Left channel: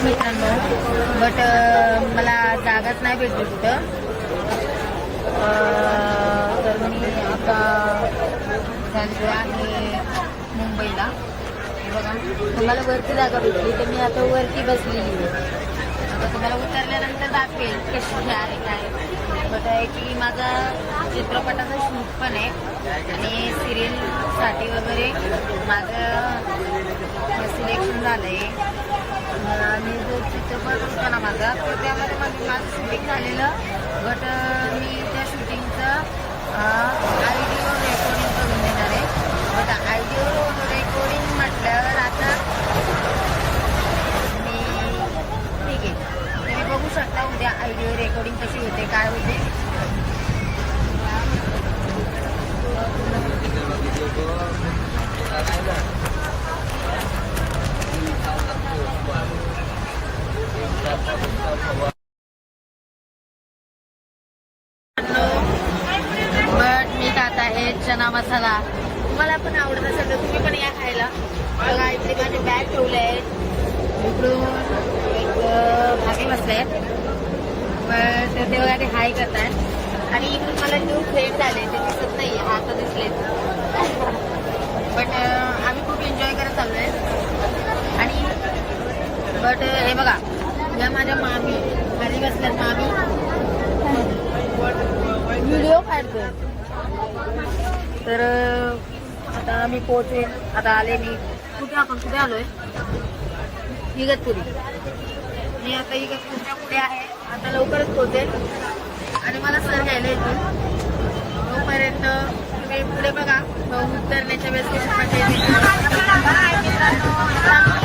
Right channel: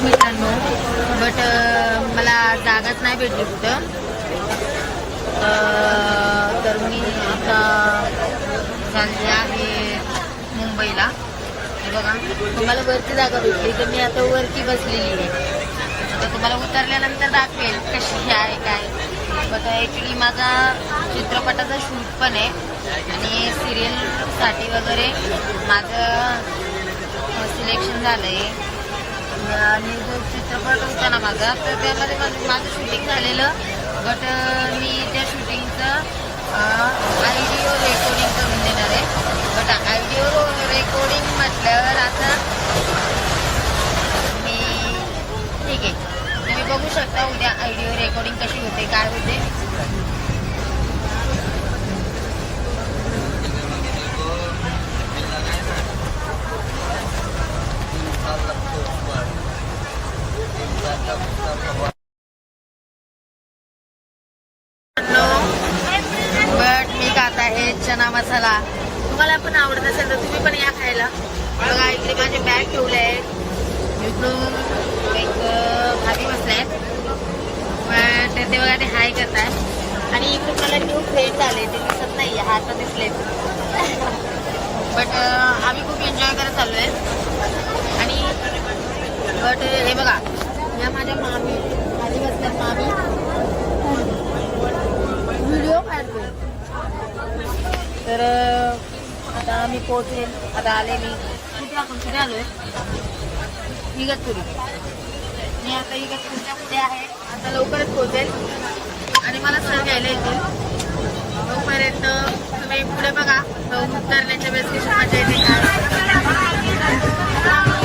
आहे मित्रांनो, बट मला जागाच नाही भेटली कुठं. तर मी आता चालली आहे मुंबईला. हे बघा, तुम्हाला वरती जागा भेटली तर मी आता वरती बसलेली आहे. आता तुम्हाला उतरल्यानंतर दाखवेल कशी आहे काय. बट ॲक्च्युली माझा चित्रपटाचा शूट पण आहे आणि सिरियलसाठी वगैरे माझं सिलेक्शन झालं आहे. आणि जो चित्रपट होता ना माझा, तर त्यामध्ये माझं शूटिंग झालेलं. बट मी त्या शूटिंगचं ऑडिओ रेकॉर्डिंग करून देणार आहे. बट ऑडिओ रेकॉर्डिंग म्हटल्यावर आता मी ठीक आहे, तुम्ही बघू शकता उद्या ऑडिओ रेकॉर्डिंग कशी होते काय होते. बट मी खात आहे चना मसाला. तुम्हाला पण आवडत असेल तर तुम्ही पण या खायला. बघा इकडे माझे बॅग ठेवले आहेत. इकडून एक भागे बसले आहेत ते बघा, ते हाय करतात. आणि इकडून मला न्यू फ्रेंड झाले, ते दिसत नाही, हात दिसले. बट आम्ही खूप एन्जॉय करत चाललो आहे. आणि बट हे बघा, या माझ्या मामी खाली बसल्यात. मामी व्हिडिओ काढतो. तर आता मी पोहोचेल. आता आले मी कुठे, आपण कुठे आलोय, इगतपुरी. मी आता इगतपुरीच्या पुढे आहे. आता लवकरच पोहोचेल आणि मला सर घ्यायला येतील. तोपर्यंत तुम्ही पुढे बघा, उतरण्याच्या वेळेस कशी मजा येते काय.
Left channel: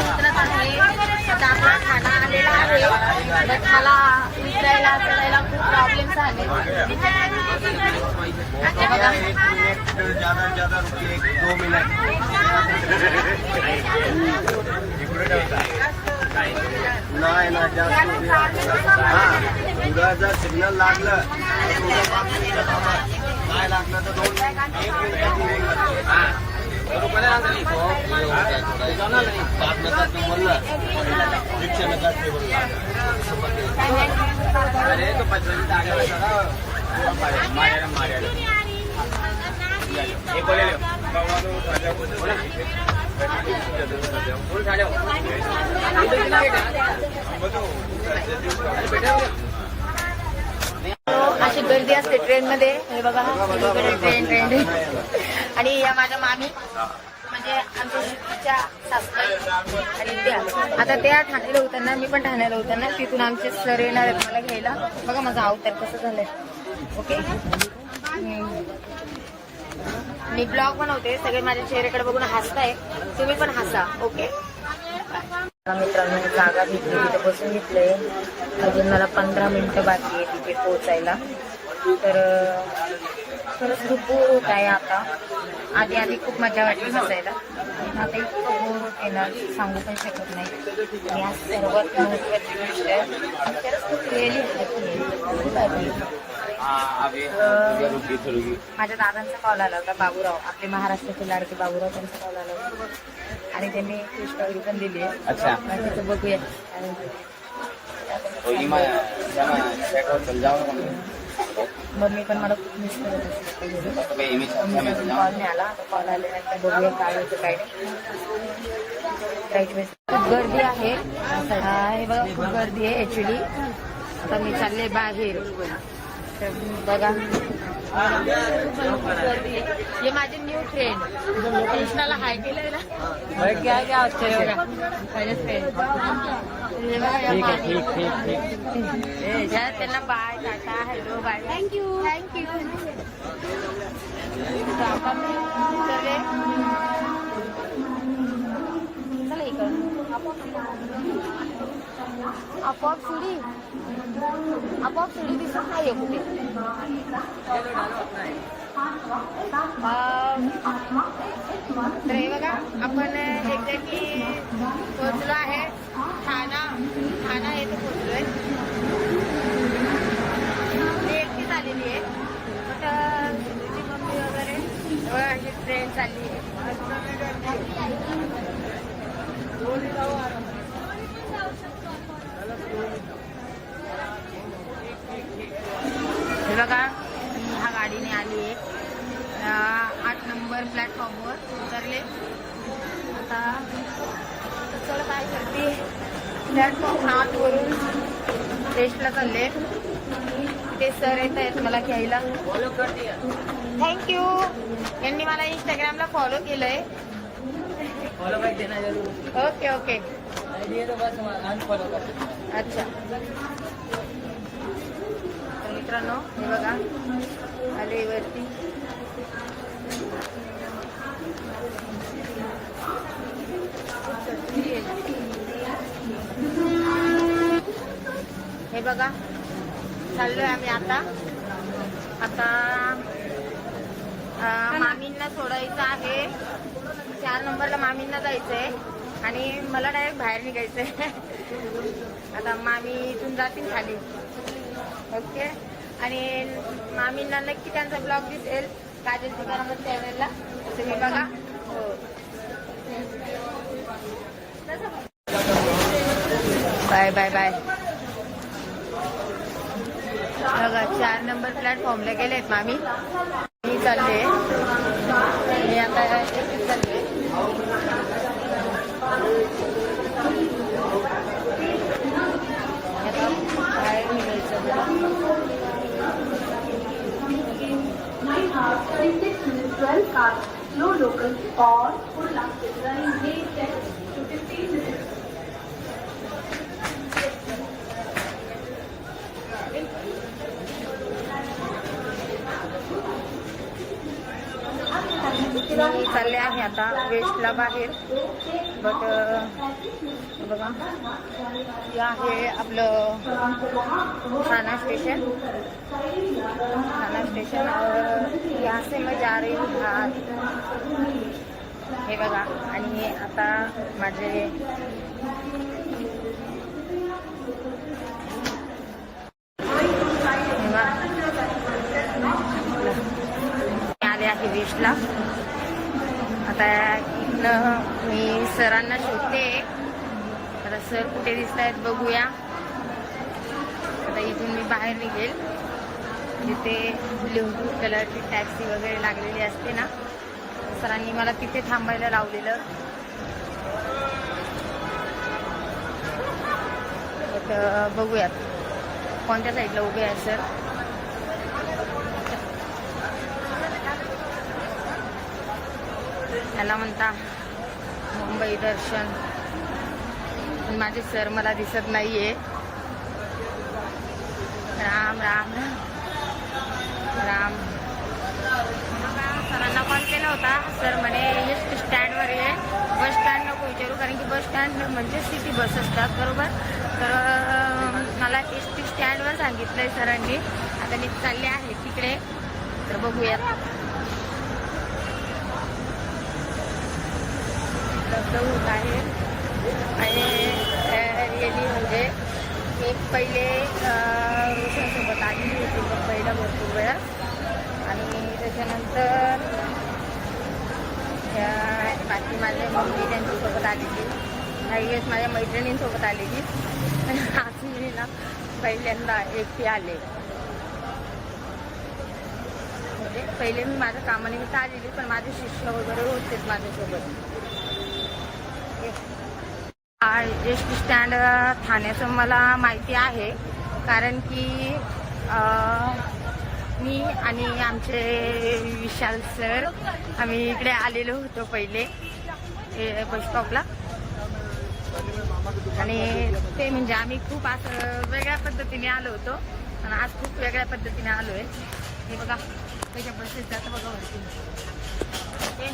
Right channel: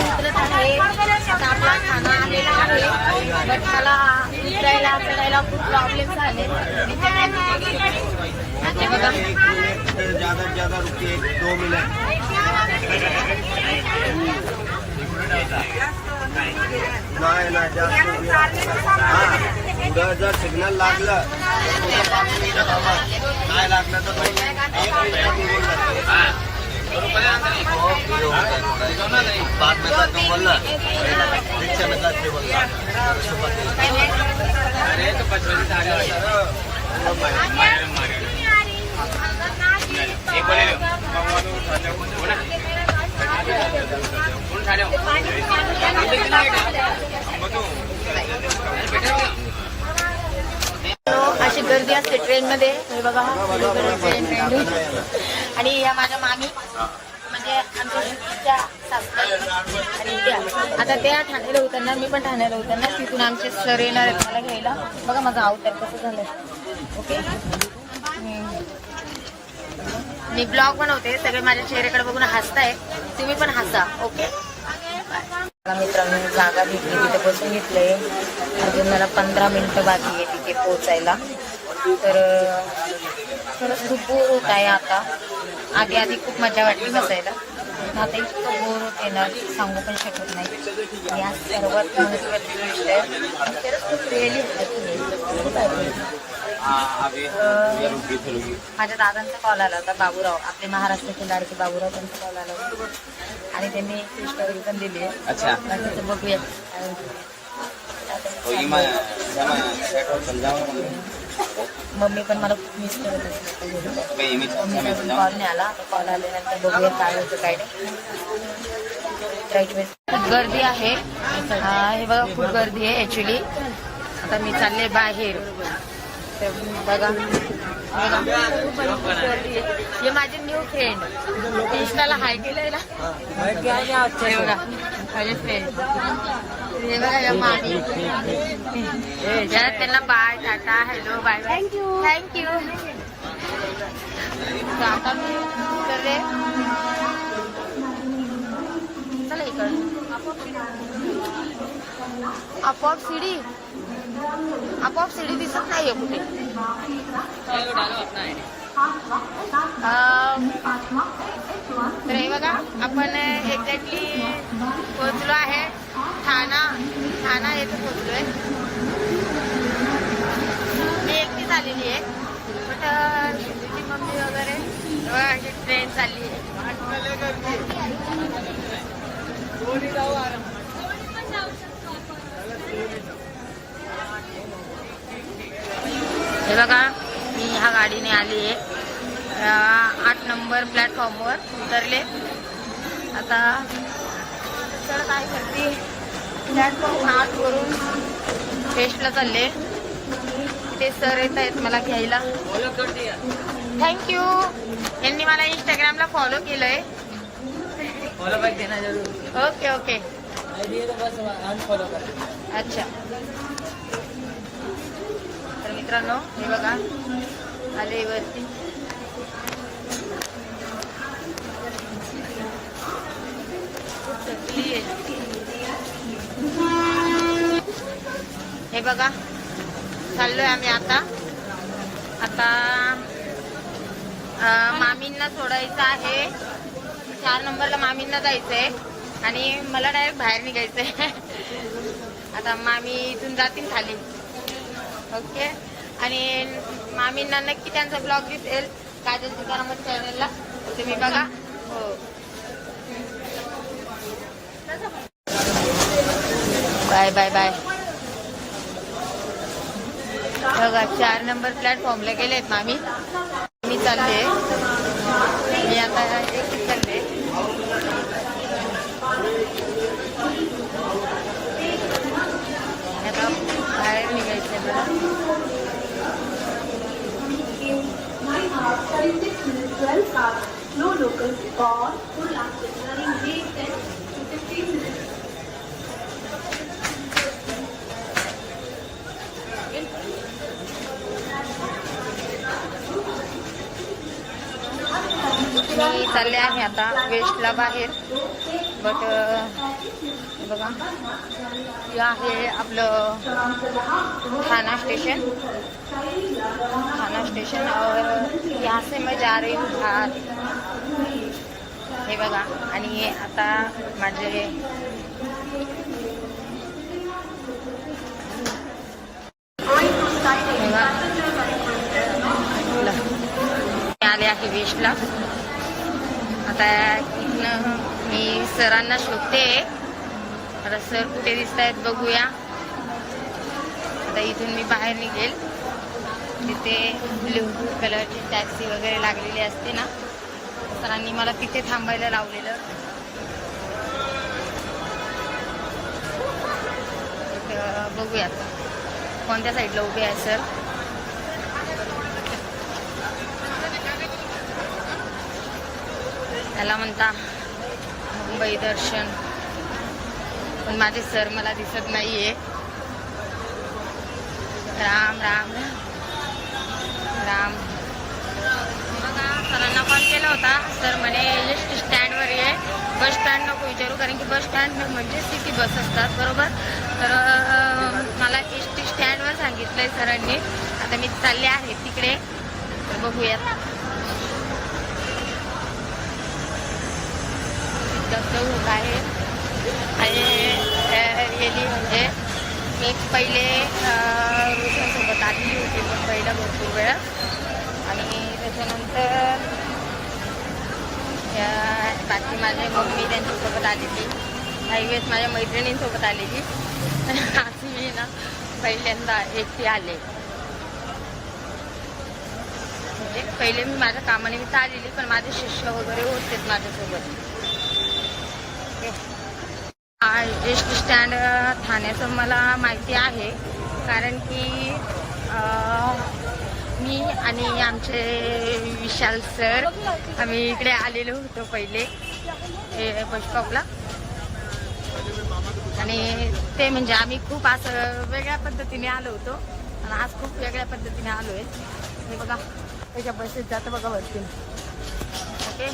उतरत आहे. आता आपला खाना आलेला आहे. बट मला उतरायला चढायला खूप प्रॉब्लेम्स आले. बघा जर सिग्नल लागलं नाही लागलं तर 1 मिनिट बाद में जाते बोल रहा रिक्शा में जाते बोल रहा अरे तो 5 मिनट आगे मारे मारे ये बोले अशी गर्दी असते ट्रेन मध्ये. हे बघा ट्रेन आणि या माझ्या मामी म्हणजे आमच्या शिक्षीच्या सासूबाई. आणि त्या आता त्या ठाण्याला उतरणार, मी पण ठाण्याला उतरणार. तिथून आमचे सर येणार आहेत मला घ्यायला. बघा माझा अवतार कसं झालंय. ओके, मी ब्लॉग बनवते. सगळे माझ्या चेहऱ्याकडे बघून हसताय, तुम्ही पण हसा. Okay bye. मित्रांनो जागा घेतली, तिथे बसून घेतलंय. अजून मला 15 मिनिटं बाकी आहे तिथे पोहोचायला. तर खरंच खूप बोर होत आहे आता. आधी खूप मजा वाटली बसायला. आता इतकं बोर होते ना, सांगू पण शकत नाही. आणि आज सर्वात महत्त्वाची गोष्ट आहे, खरंच खूप रिअली हॅपी. माझ्या दादांचा कॉल आला होता, बाबूराव, आपले महाराष्ट्राचे लाडके बाबूराव, त्यांचा कॉल आला होता. आणि त्यांनी स्टोरी पण दिली आहे. त्याचं बघूया. मम्मी पण मला खूप मिस करत असते. मम्मीचा कॉल नाही आला. आता कॉल आल्यानंतर बघूया काय होतं काय नाही. खूप गर्दी आहे. हे बघा खूप गर्दी आहे ॲक्च्युली. आता मी चालले बाहेर. तर बघा गर्दी आहे. हे माझे न्यू फ्रेंड, इंस्टाला हाय केलंय ना माझे फ्रेंड. त्यांना bye, tata, hello, bye bye, thank you. आता मी चला इकडं आपोआप सीडी दिसत नाहीये कुठे. तर हे बघा, आपण एक्झॅक्टली पोहोचलो आहे ठाणा येथे पोहोचलोय. मी एकटीच आलेली आहे. बट तुझी मम्मी वगैरे ट्रेन चालली आहे. हे बघा मी ह्या गाडीने आली आहे 8 नंबर प्लॅटफॉर्मवर उतरले. आता चढ काय करते वरून वेस्टला चालले. ते सर येत आहेत मला घ्यायला. थँक्यू. यांनी मला इंस्टाग्रामला फॉलो केलंय. ओके ओके अच्छा. तर मित्रांनो हे बघा आले वरती. हे बघा चाललोय आम्ही आता. मामींना सोडायचं आहे. 4 नंबरला मामींना जायचंय आणि मला डायरेक्ट बाहेर निघायचंय. आता मामी इथून जातील खाली. ओके. आणि मामींना नक्की त्यांचा ब्लॉग दिसेल काजल तुकाराम चॅनलला, तुम्ही बघा. हो बाय बाय बाय. बघा 4 नंबर प्लॅटफॉर्मला गेलेत मामी. मी चालले. मी आता एक चालले. आता बाहेर निघायचं मी चालले आहे आता वेस्टला बाहेर. बट बघा हे आहे आपलं ठाणा स्टेशन. ठाणा स्टेशन और यहाँ से मैं जा रही हूँ बाहर. हे बघा. आणि आता माझे आले आहे वेस्टला. आता इथनं मी सरांना शोधते. आता सर कुठे दिसत आहेत बघूया. आता इथून मी बाहेर निघेल. तिथे ब्लू कलरची टॅक्सी वगैरे लागलेली असते ना, सरांनी मला तिथे थांबायला लावलेलं. तर बघूयात कोणत्या साईडला उभे आहे सर. त्याला म्हणता मुंबई दर्शन, पण माझे सर मला दिसत नाहीये. राम राम राम. बघा सरांना कॉल केला होता. सर म्हणे एसटी स्टँडवर ये, बस स्टँड नको विचारू, कारण की बस स्टँड म्हणजे सिटी बस असतात बरोबर. तर मला एसटी स्टँडवर सांगितलंय सरांनी. आता मी चालले आहे तिकडे. तर बघूयात. दगदग होत आहे. आणि रिअली म्हणजे एक पहिले रोशांसोबत आलेली होती मुंबईला भरपूर वेळा. आणि त्याच्यानंतर बाकी माझ्या मम्मी त्यांच्यासोबत आलेली. काही वेळेस माझ्या मैत्रिणींसोबत आलेली. आज मी ना पहिल्यांदा एकटी आले. म्हणजे पहिले मी माझ्या कामानिमित्त आलेली, पण माझे शिष्य वगैरे होतेच माझ्यासोबत. एसटी स्टँड ठाण्याचं मला माहिती आहे, कारण की मी आणि आमचे विशाल सर आम्ही इकडे आलेलो होतो पहिले बस स्टॉपला. आणि ते म्हणजे आम्ही खूप असं वेगळ्या पद्धतीने आलो होतो आणि आज खूप वेगळ्या पद्धतीने आलोय. हे बघा त्याच्या बसेस जातं बघा वरती. ओके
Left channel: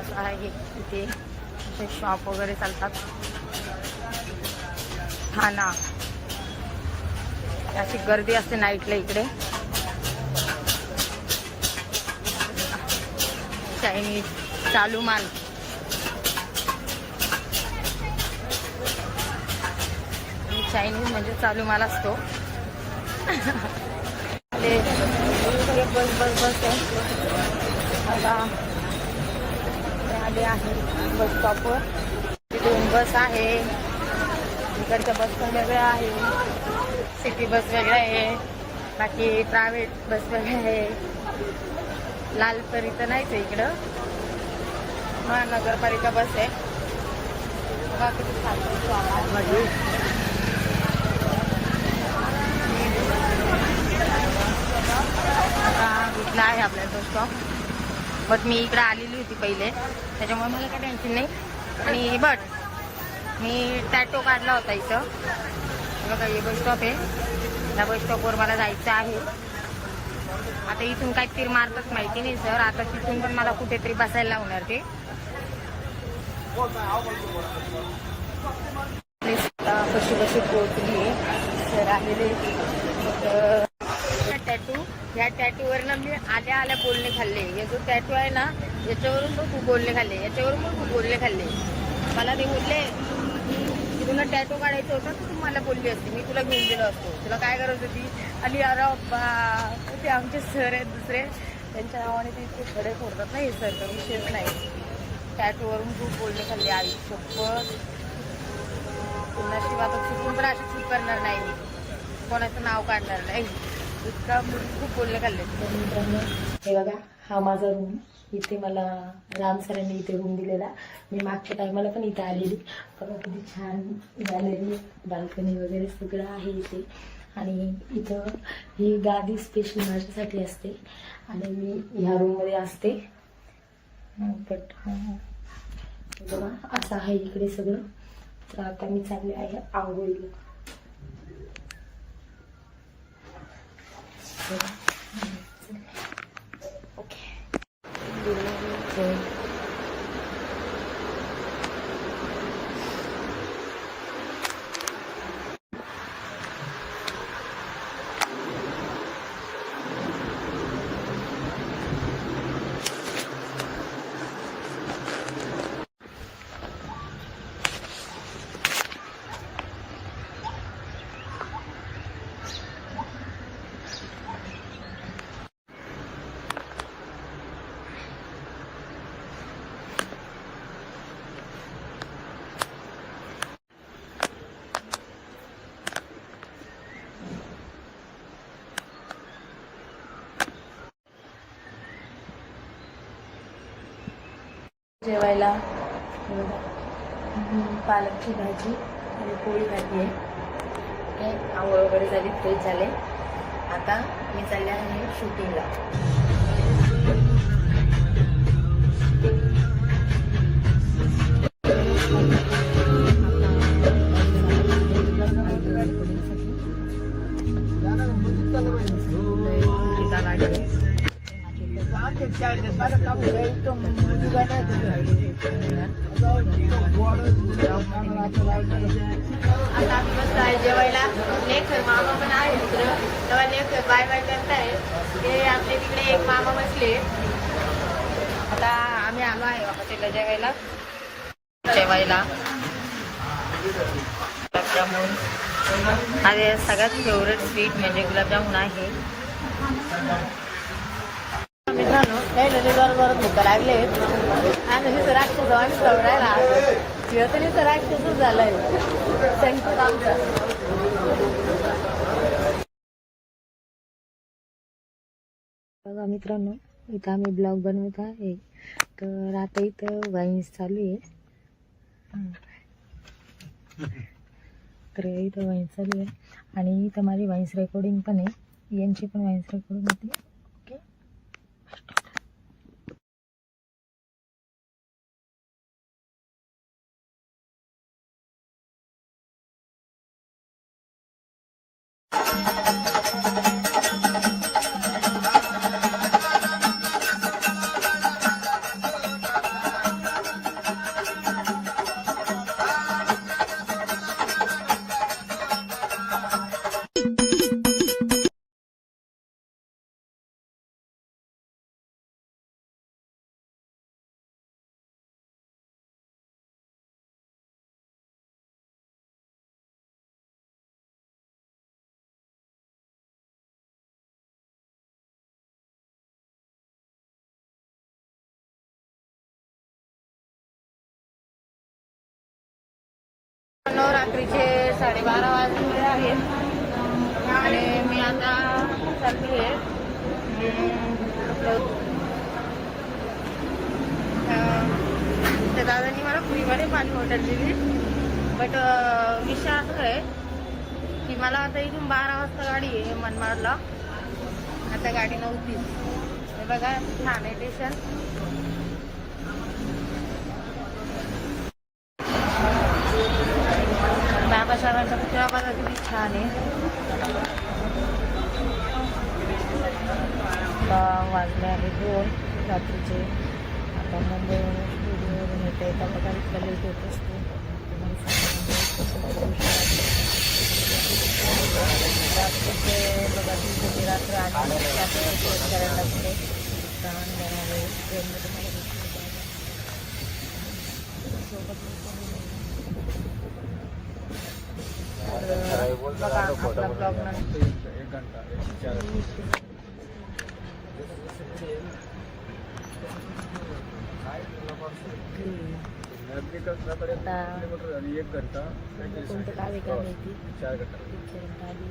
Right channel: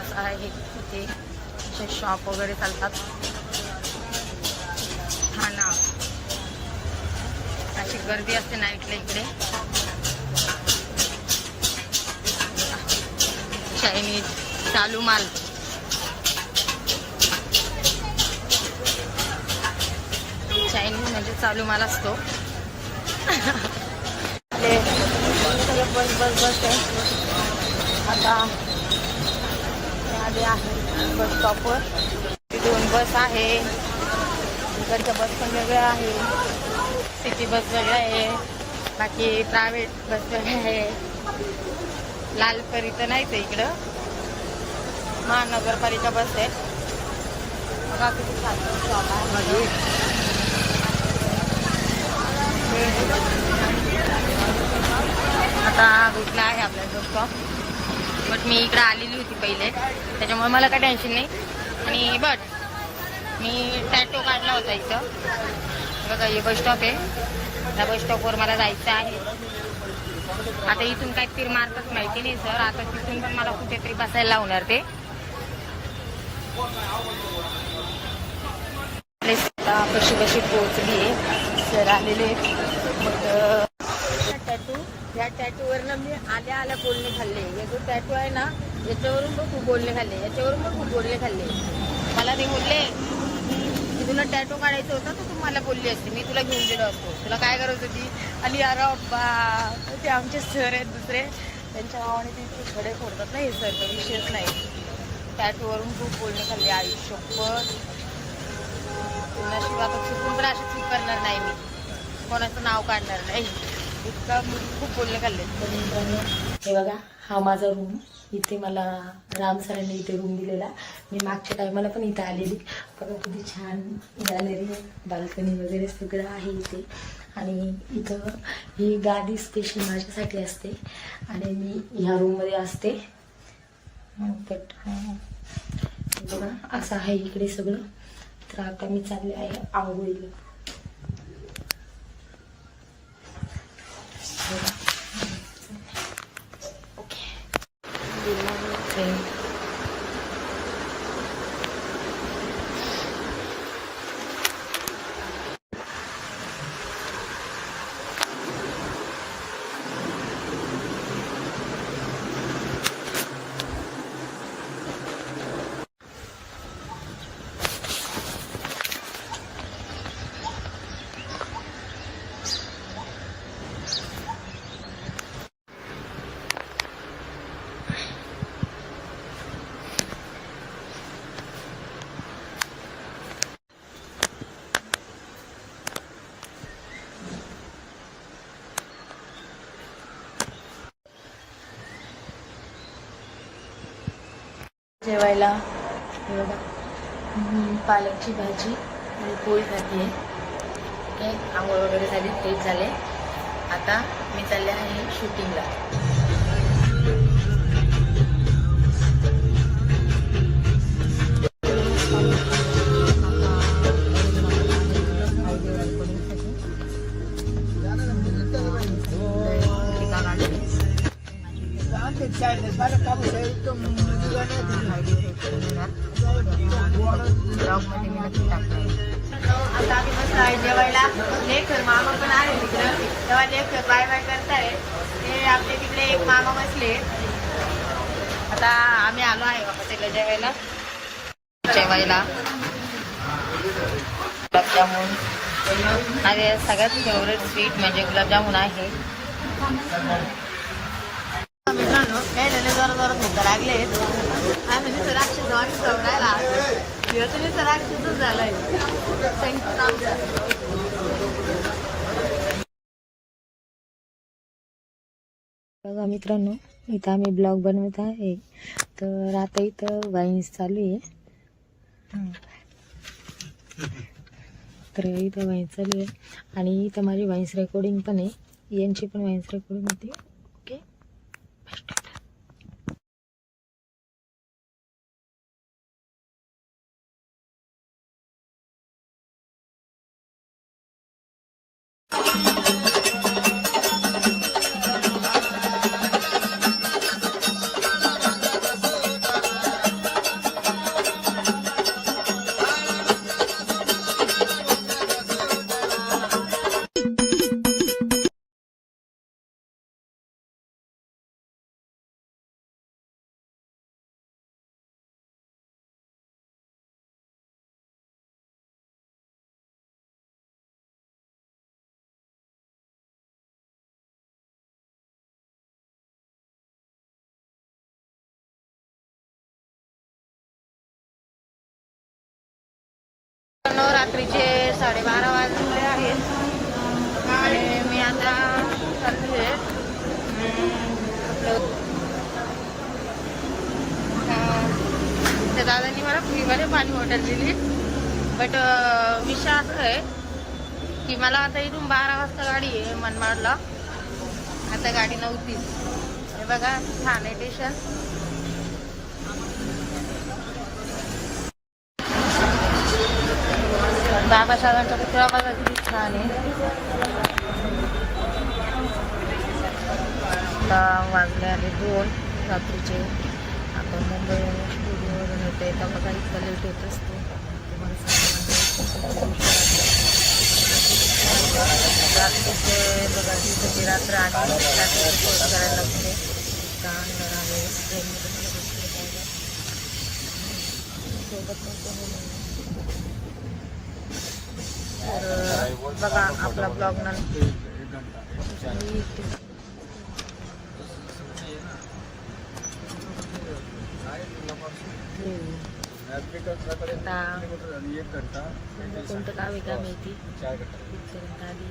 असं आहे. इथे असे शॉप वगैरे चालतात. ठाणा अशी गर्दी असते नाईटला इकडे. चायनीज चालू माल. चायनीज म्हणजे चालू माल असतो. बस बस बस आहे. आता आले आहे बस स्टॉपवर. 2 बस आहे. इकडच्या बस पण वेगळ्या आहे. सिटी बस वेगळं आहे, बाकी प्रायव्हेट बस वेगळं आहे. लालपरी तर नाहीच आहे इकडं, महानगरपालिका बस आहे. बघा किती छान शॉप आहे. आता भेटला आहे आपल्याला तो स्टॉप. बट मी इकडं आलेली होती पहिले, त्याच्यामुळे मला काही टेन्शन नाही. आणि बट मी टॅटो काढला होता इथं. बघा हे बस स्टॉप आहे, त्या बस स्टॉपवर मला जायचं आहे. आता इथून काय तीर मारतात माहिती नाही सर. आता तिथून पण मला कुठेतरी बसायला लावणार ते. आता कशी कशी पोहोचली आहे सर आलेले. बट टॅटू, या टॅटूवरनं मी आल्या बोलणे खाल्ले. हे जो टॅटू आहे ना, याच्यावरून पण खूप बोलणे खाल्ले, याच्यावरून पण खूप बोलणे खाल्ले. मला ते बोलले की तुला टॅटू काढायचं होतं तर तू मला बोलली असती, मी तुला घेऊन गेलो असतो, तुला काय गरज होती. आणि अरे अब्बा, ते आमचे सर आहेत दुसरे, त्यांच्या नावाने ते इतके खडे फोडतात ना हे सर, तर विषयच नाही. टॅटूवरून खूप बोलणे खाल्ले. आयुष्यभर नशीब आता चुकून पण अशी चूक करणार नाही मी, कोणाचं नाव काढणार नाही. इतका खूप बोलणे खाल्ले. तर मित्रांनो हे बघा, हा माझा रूम. इथे मला राम सरांनी इथे रूम दिलेला. मी मागच्या टायमाला पण इथे आलेली. बघा किती छान गॅलरी, बाल्कनी वगैरे सगळं आहे इथे. आणि इथं ही गादी स्पेशल माझ्यासाठी असते आणि मी ह्या रूममध्ये असते. बट बघा असं आहे इकडे सगळं. तर आता मी चालले आहे आंघोळीला. ओके. जेवायला पालकची भाजी आणि पोळी खाती आहे. ओके, आंघोळ वगैरे झाली, फ्रेश झाले. आता मी चालले आहे शूटिंगला. जेवायला नेक्स्ट मामा पण आहे तिकडे, तेव्हा नेक्स्ट बाय बाय करताय ते आपले तिकडे एक मामा बसले. आता आम्ही आलो आहे बाबा तिला जेवायला. गुलाबजामुन, माझे सगळ्यात फेवरेट स्वीट म्हणजे गुलाबजामुन आहे. मित्रांनो काही जरी जरा भूक लागले आणि राक्षस आणि सवरायला तरी तर राक्षसच झालाय. बघा मित्रांनो, इथं आम्ही ब्लॉग बनवत आहे. तर आता इथं वाईन्स चालू आहे. तर इथं वाईन्स चालू आहे आणि इथं माझी वाईन्स रेकॉर्डिंग पण आहे. यांची पण वाईन्स रेकॉर्डिंग होती. ओके, रात्रीचे 12:30 वाजले आहेत. चालली आहे आपलं त्या दादांनी मला फ्रीमध्ये पाणी बॉटल दिली. बट विषय असं आहे की मला आता इथून 12 वाजता गाडी आहे मनमाडला. आता गाडी नव्हतीच. हे बघा छान आहे स्टेशन. बाबासाहेबांचा पुतळा बघा किती छान आहे. आता वाजले आहे 2 रात्रीचे. आता मुंबईवरून स्टुडिओवरून येते. तर बघा इतका लेट येत असतो. रात्रीचे बघा दिवसाची रात्र आणि रात्रीचा दिवस करायला लागतो. अंधार आहे ट्रेनमध्ये मला बसलं जायला सोबत तर बघा आपला ब्लॉग नंतर कोणतं गाव आहे का माहिती. इथपर्यंत आली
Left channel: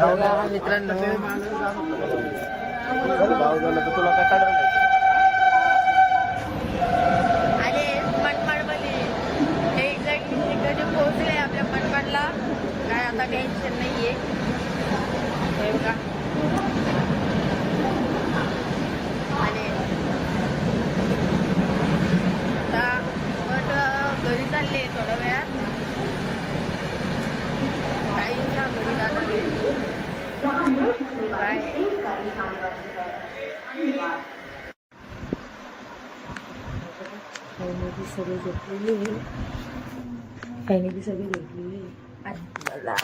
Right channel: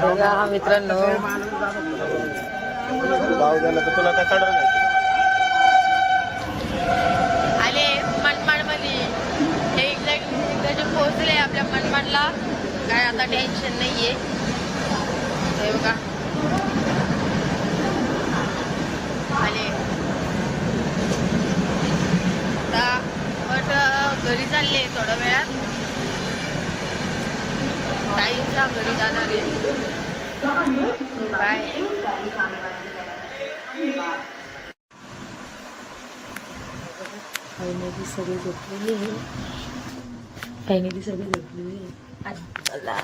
बघा मित्रांनो. आले मनमाड मध्ये एक्झॅक्ट त्याचे पोहोचले आपल्या मनमाडला. काय आता टेन्शन नाहीये. हे बघा आले आता. बट घरी चालले थोड्या वेळात. ताईंच्या घरी जाणार आहे. बाय. फायनली सगळे झोपलेली आहे. आज मला